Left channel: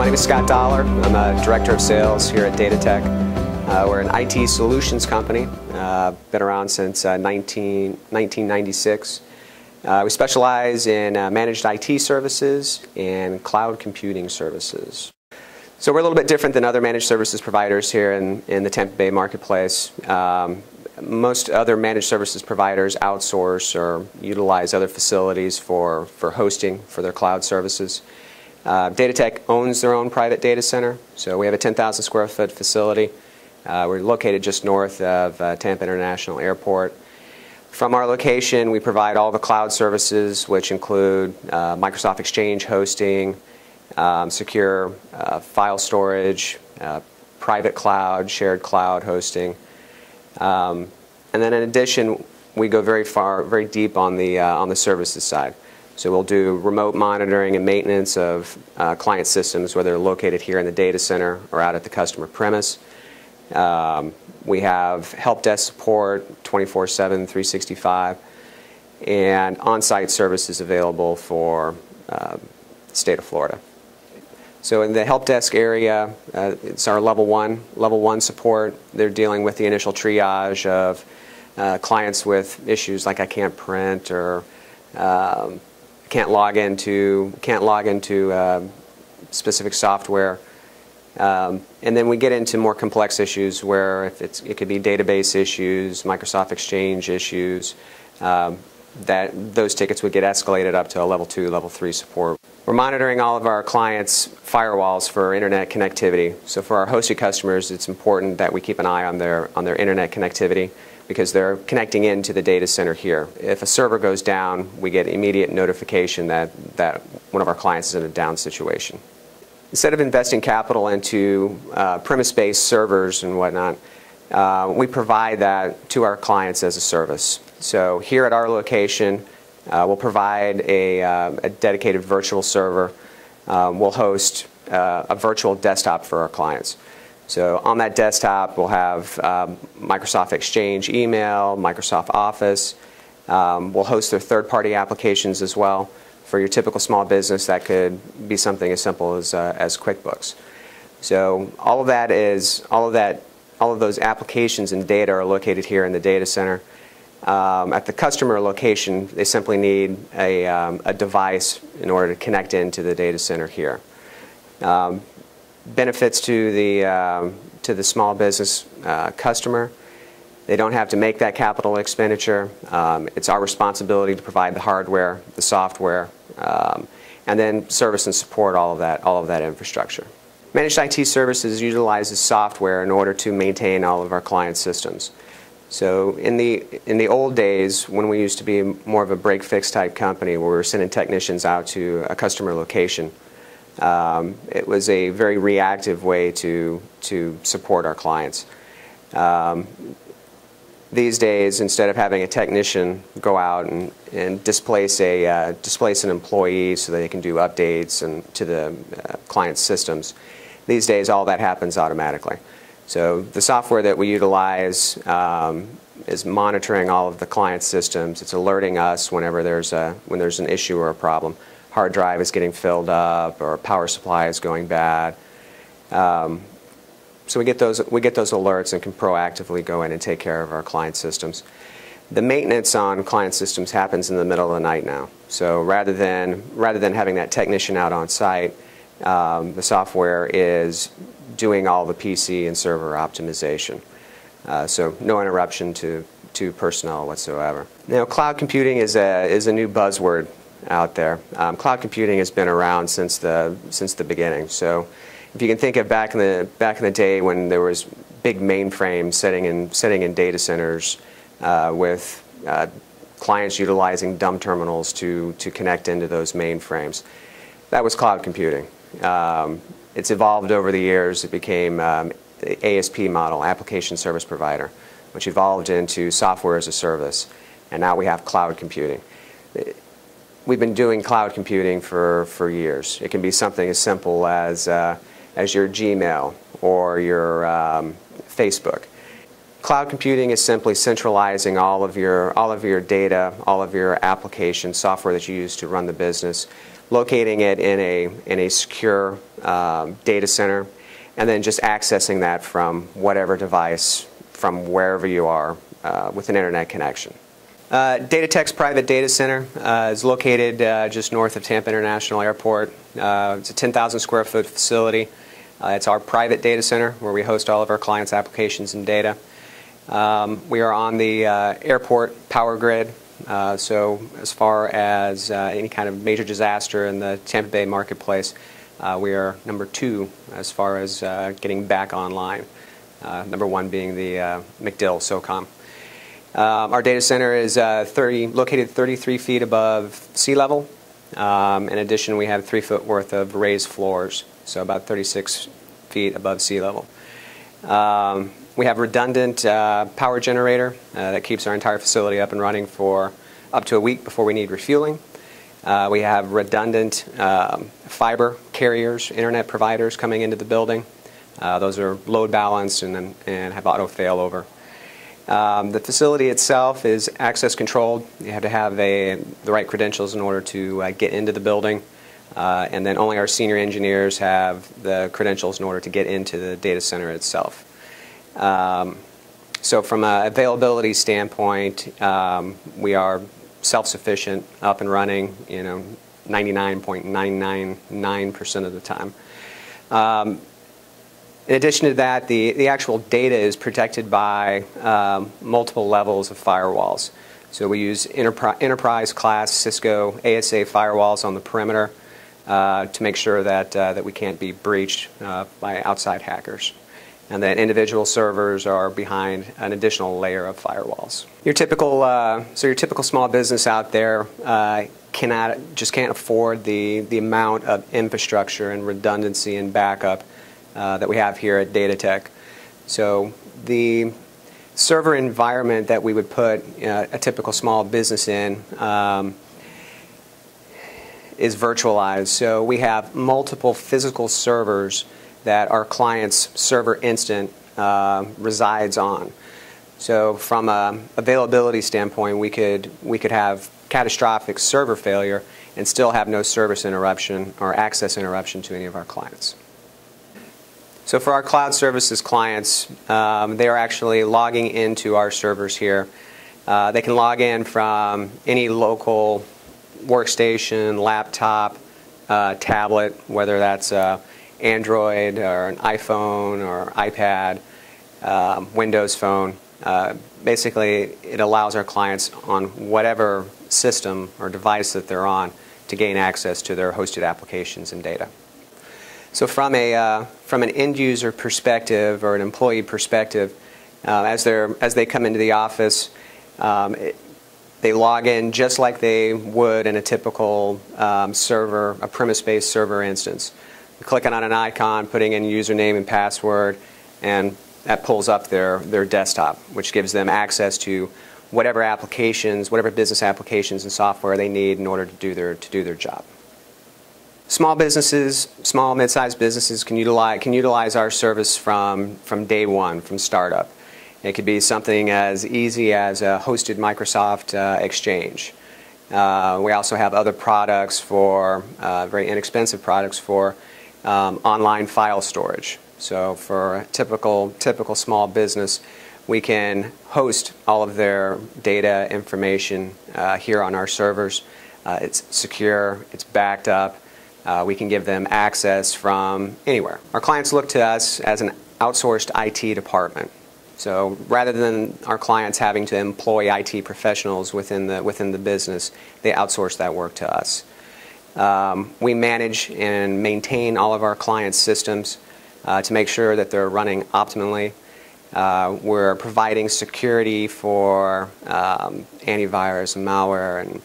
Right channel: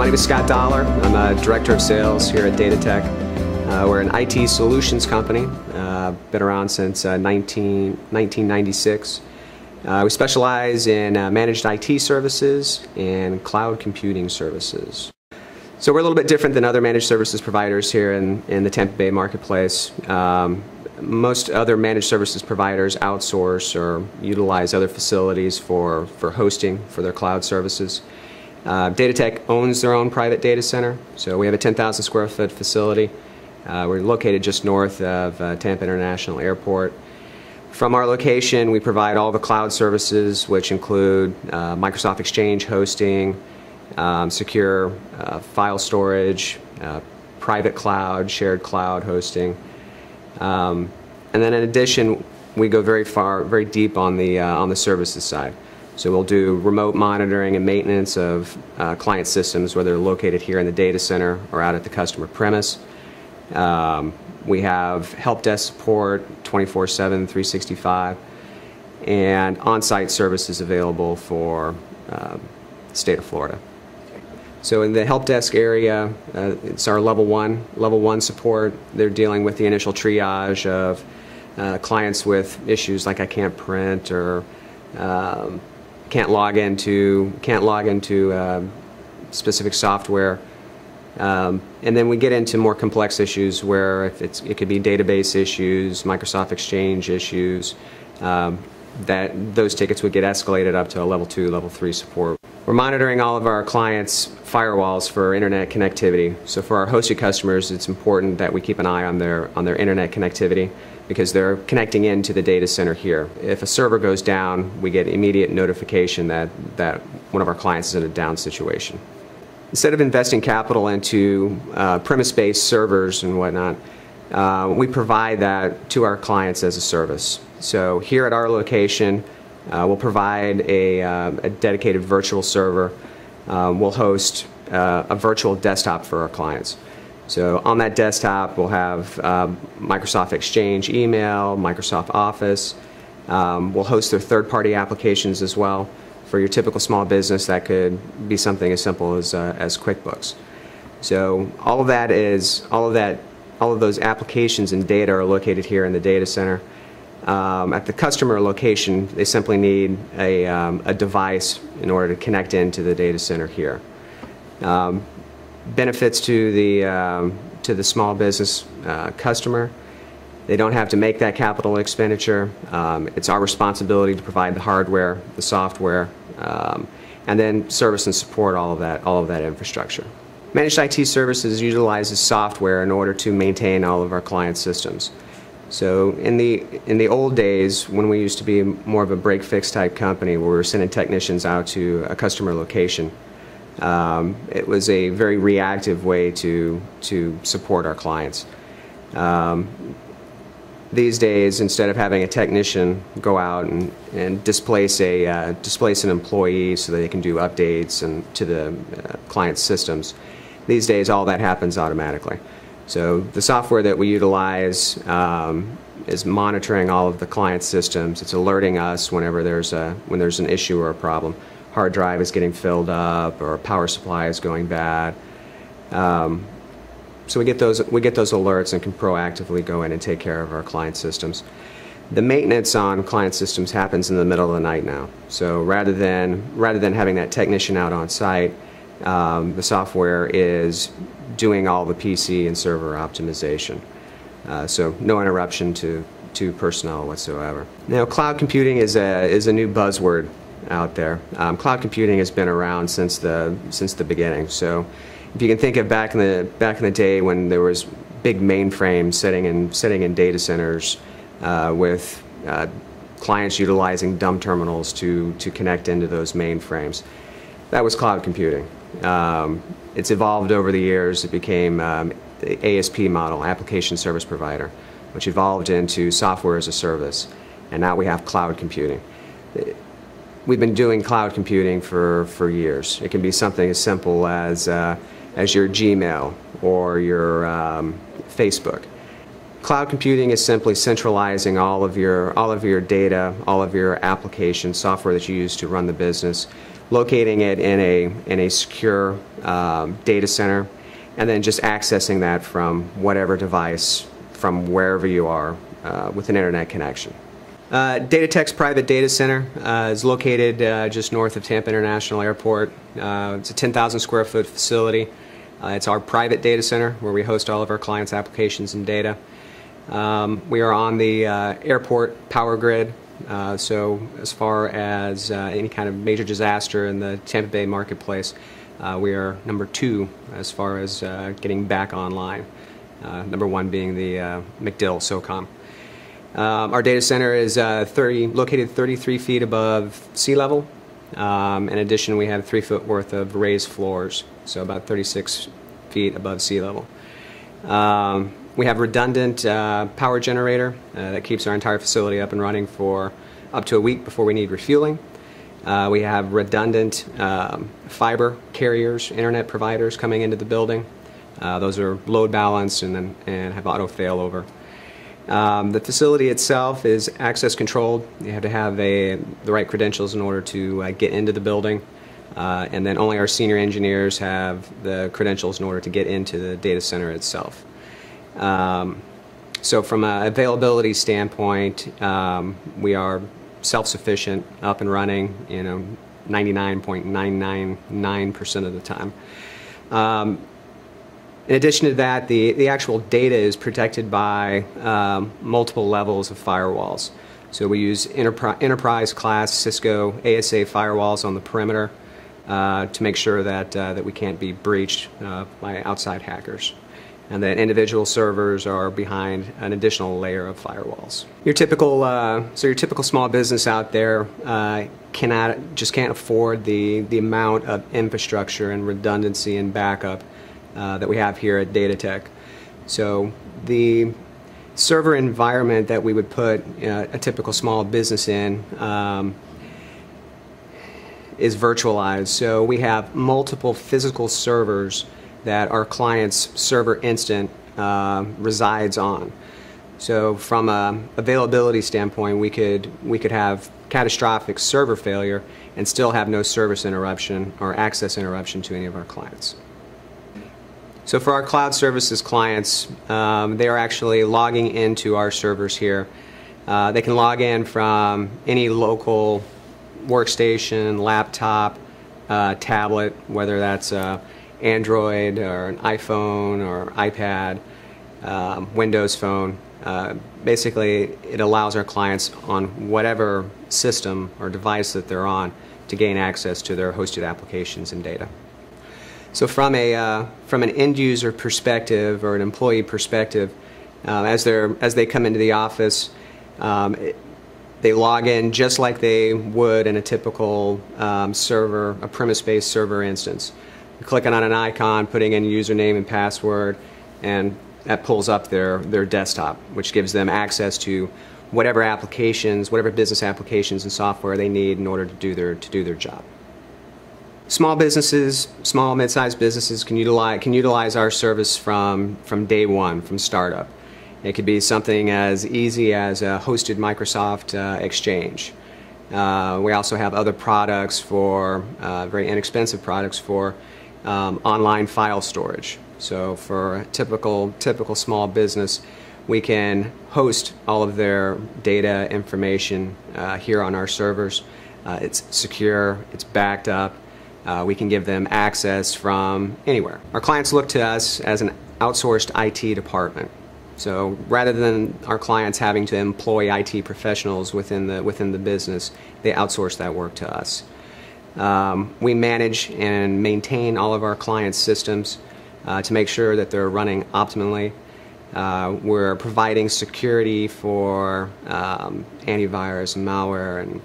My name is Scott Dollar. I'm a Director of Sales here at DataTech. We're an IT solutions company. Been around since 1996. We specialize in managed IT services and cloud computing services. So we're a little bit different than other managed services providers here in the Tampa Bay marketplace. Most other managed services providers outsource or utilize other facilities for hosting for their cloud services. DataTech owns their own private data center, so we have a 10,000 square foot facility. We're located just north of Tampa International Airport. From our location, we provide all the cloud services, which include Microsoft Exchange hosting, secure file storage, private cloud, shared cloud hosting. And then in addition, we go very deep on the services side. So we'll do remote monitoring and maintenance of client systems, whether they're located here in the data center or out at the customer premise. We have help desk support 24/7, 365, and on-site services available for the state of Florida. So in the help desk area, it's our level one support. They're dealing with the initial triage of clients with issues like I can't print or can't log into specific software. And then we get into more complex issues where it could be database issues, Microsoft Exchange issues. Those tickets would get escalated up to a level 2, level 3 support. We're monitoring all of our clients' firewalls for internet connectivity. So for our hosted customers, it's important that we keep an eye on their internet connectivity because they're connecting into the data center here. If a server goes down, we get immediate notification that one of our clients is in a down situation. Instead of investing capital into premise-based servers and whatnot, we provide that to our clients as a service. So here at our location, we'll provide a dedicated virtual server. We'll host a virtual desktop for our clients. So on that desktop, we'll have Microsoft Exchange email, Microsoft Office. We'll host their third-party applications as well. For your typical small business, that could be something as simple as QuickBooks. So all of those applications and data are located here in the data center. At the customer location, they simply need a device in order to connect into the data center here. Benefits to the small business customer: they don't have to make that capital expenditure. It's our responsibility to provide the hardware, the software, and then service and support all of that infrastructure. Managed IT services utilizes software in order to maintain all of our client systems. So in the old days, when we used to be more of a break-fix type company where we were sending technicians out to a customer location, it was a very reactive way to support our clients. These days, instead of having a technician go out and displace an employee so that they can do updates to the client's systems, these days all that happens automatically. So the software that we utilize is monitoring all of the client systems. It's alerting us whenever there's an issue or a problem. Hard drive is getting filled up or power supply is going bad. So we get those alerts and can proactively go in and take care of our client systems. The maintenance on client systems happens in the middle of the night now. So rather than having that technician out on site, the software is doing all the PC and server optimization. So no interruption to personnel whatsoever. Now, cloud computing is a new buzzword out there. Cloud computing has been around since the beginning. So if you can think of back in the day when there was big mainframes sitting in data centers with clients utilizing dumb terminals to connect into those mainframes, that was cloud computing. It's evolved over the years. It became the ASP model, application service provider, which evolved into software as a service, and now we have cloud computing. We've been doing cloud computing for years. It can be something as simple as your Gmail or your Facebook. Cloud computing is simply centralizing all of your data, all of your application software that you use to run the business locating it in a secure data center, and then just accessing that from whatever device, from wherever you are, with an internet connection. Datatech's private data center is located just north of Tampa International Airport. It's a 10,000 square foot facility. It's our private data center where we host all of our clients' applications and data. We are on the airport power grid, so as far as any kind of major disaster in the Tampa Bay marketplace, we are number 2 as far as getting back online. Number 1 being the MacDill SOCOM. Our data center is located 33 feet above sea level. In addition, we have 3 foot worth of raised floors, so about 36 feet above sea level. We have redundant power generator that keeps our entire facility up and running for up to a week before we need refueling. We have redundant fiber carriers, internet providers coming into the building. Those are load balanced and have auto failover. The facility itself is access controlled. You have to have the right credentials in order to get into the building. And then only our senior engineers have the credentials in order to get into the data center itself. So from an availability standpoint, we are self-sufficient, up and running, 99.999% of the time. In addition to that, the actual data is protected by multiple levels of firewalls. So we use enterprise class Cisco ASA firewalls on the perimeter to make sure that we can't be breached by outside hackers. And then individual servers are behind an additional layer of firewalls. Your typical small business out there can't afford the amount of infrastructure and redundancy and backup that we have here at Datatech. So the server environment that we would put a typical small business in is virtualized. So we have multiple physical servers that our client's server instant resides on. So from an availability standpoint, we could have catastrophic server failure and still have no service interruption or access interruption to any of our clients. So for our cloud services clients, they are actually logging into our servers here. They can log in from any local workstation, laptop, tablet, whether that's Android or an iPhone or iPad, Windows Phone. Basically, it allows our clients on whatever system or device that they're on to gain access to their hosted applications and data. So from an end user perspective or an employee perspective, as they come into the office, they log in just like they would in a typical server, a premise-based server instance. Clicking on an icon, putting in username and password, and that pulls up their desktop, which gives them access to whatever applications, whatever business applications and software they need in order to do their job. Small businesses, small mid-sized businesses can utilize our service from day one, from startup. It could be something as easy as a hosted Microsoft Exchange. We also have other products for very inexpensive products for online file storage. So for a typical small business, we can host all of their data information here on our servers. It's secure, it's backed up. We can give them access from anywhere. Our clients look to us as an outsourced IT department. So rather than our clients having to employ IT professionals within the business, they outsource that work to us. We manage and maintain all of our clients' systems to make sure that they're running optimally. We're providing security for antivirus and malware and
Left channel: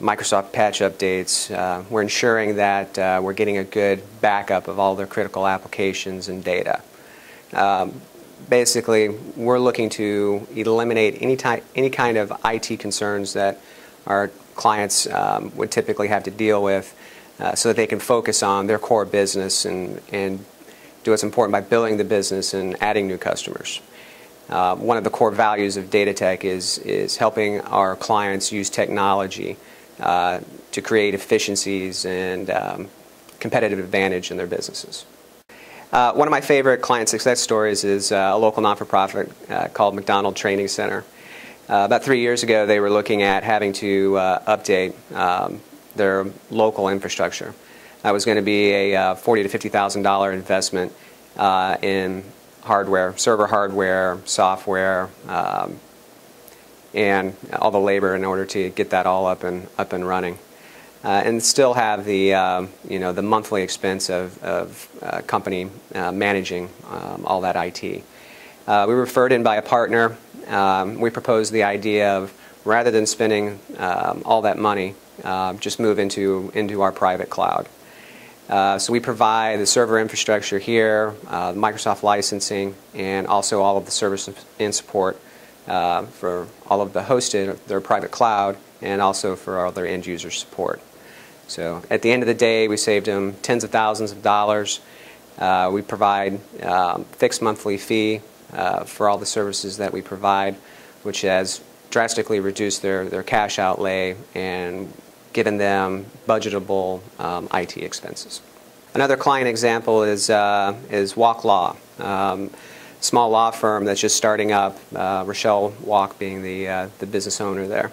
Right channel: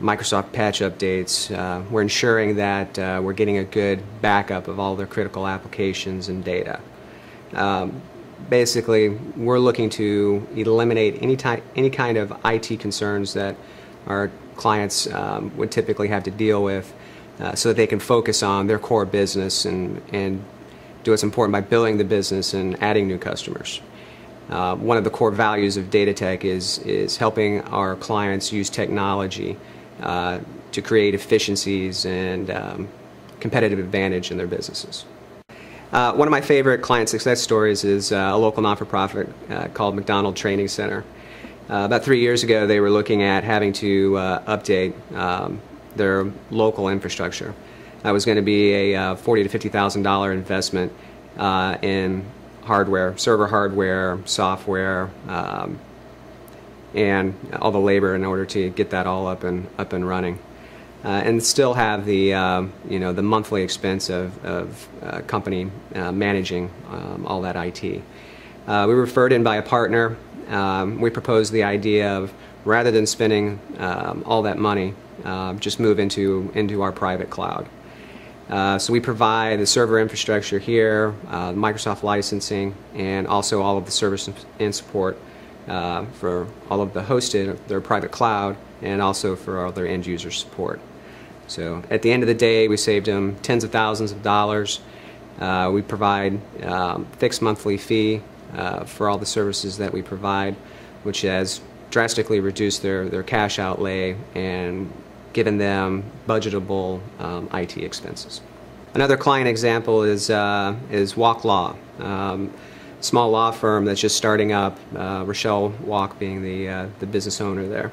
Microsoft patch updates. We're ensuring that we're getting a good backup of all their critical applications and data. Basically, we're looking to eliminate any kind of IT concerns that our clients would typically have to deal with so that they can focus on their core business and do what's important by building the business and adding new customers. One of the core values of Datatech is helping our clients use technology to create efficiencies and competitive advantage in their businesses. One of my favorite client success stories is a local not-for-profit called McDonald Training Center. About 3 years ago, they were looking at having to update their local infrastructure. That was going to be a $40,000 to $50,000 investment in hardware, server hardware, software, and all the labor in order to get that all up and running, and still have the the monthly expense of company managing all that IT. We were referred in by a partner. We proposed the idea of, rather than spending all that money, just move into our private cloud. So we provide the server infrastructure here, Microsoft licensing, and also all of the service and support for all of the hosted, their private cloud, and also for all their end user support. So at the end of the day, we saved them tens of thousands of dollars. We provide fixed monthly fee for all the services that we provide, which has drastically reduced their cash outlay and given them budgetable IT expenses. Another client example is Walk Law, small law firm that's just starting up. Rochelle Walk being the business owner there.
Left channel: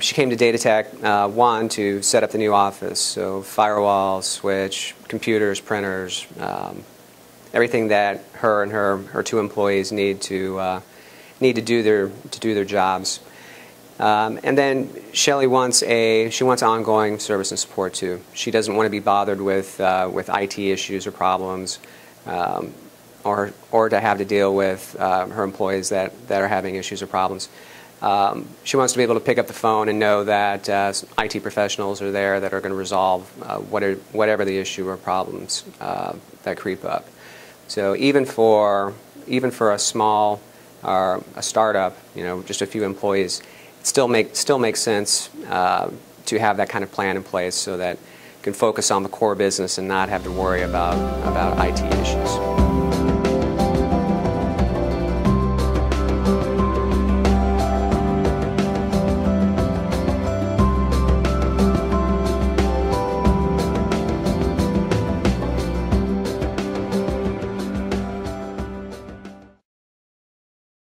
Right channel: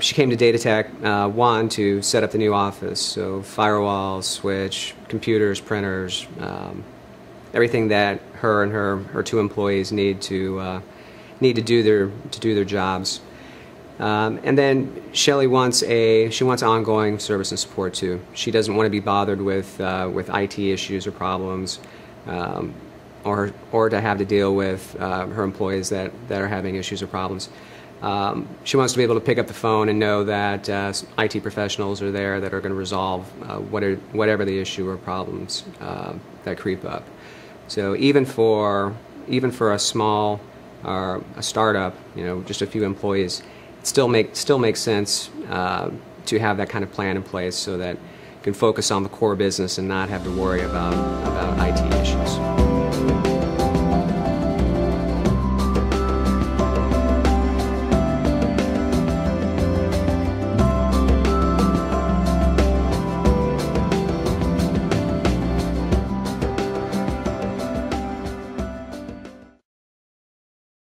She came to Datatech, one, to set up the new office, so firewall, switch, computers, printers, everything that her and her two employees need to do their jobs. And then Shelley wants ongoing service and support too. She doesn't want to be bothered with IT issues or problems, or to have to deal with her employees that are having issues or problems. She wants to be able to pick up the phone and know that IT professionals are there that are going to resolve whatever the issue or problems that creep up. So even for a small or a startup, just a few employees, it still makes sense to have that kind of plan in place so that you can focus on the core business and not have to worry about IT issues.